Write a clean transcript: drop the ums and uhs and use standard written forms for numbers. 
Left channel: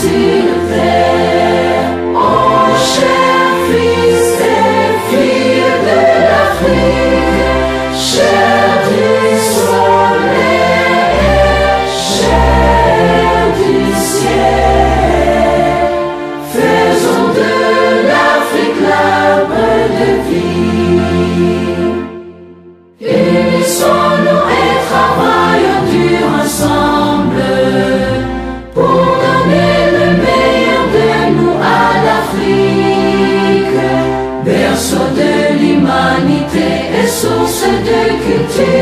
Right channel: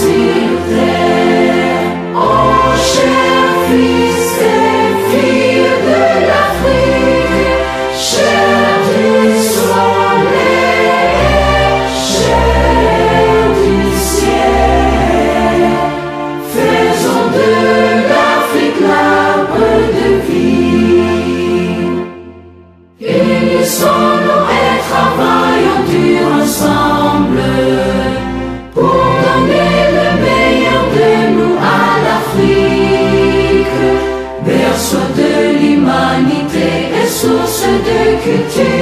sur terre. Oh, chers fils et filles de l'Afrique, chers du soleil, chers du ciel, faisons de l'Afrique l'arbre de vie. Unissons-nous et travaillons dur ensemble pour donner le meilleur de nous à l'Afrique, berceau de l'humanité et source de culture.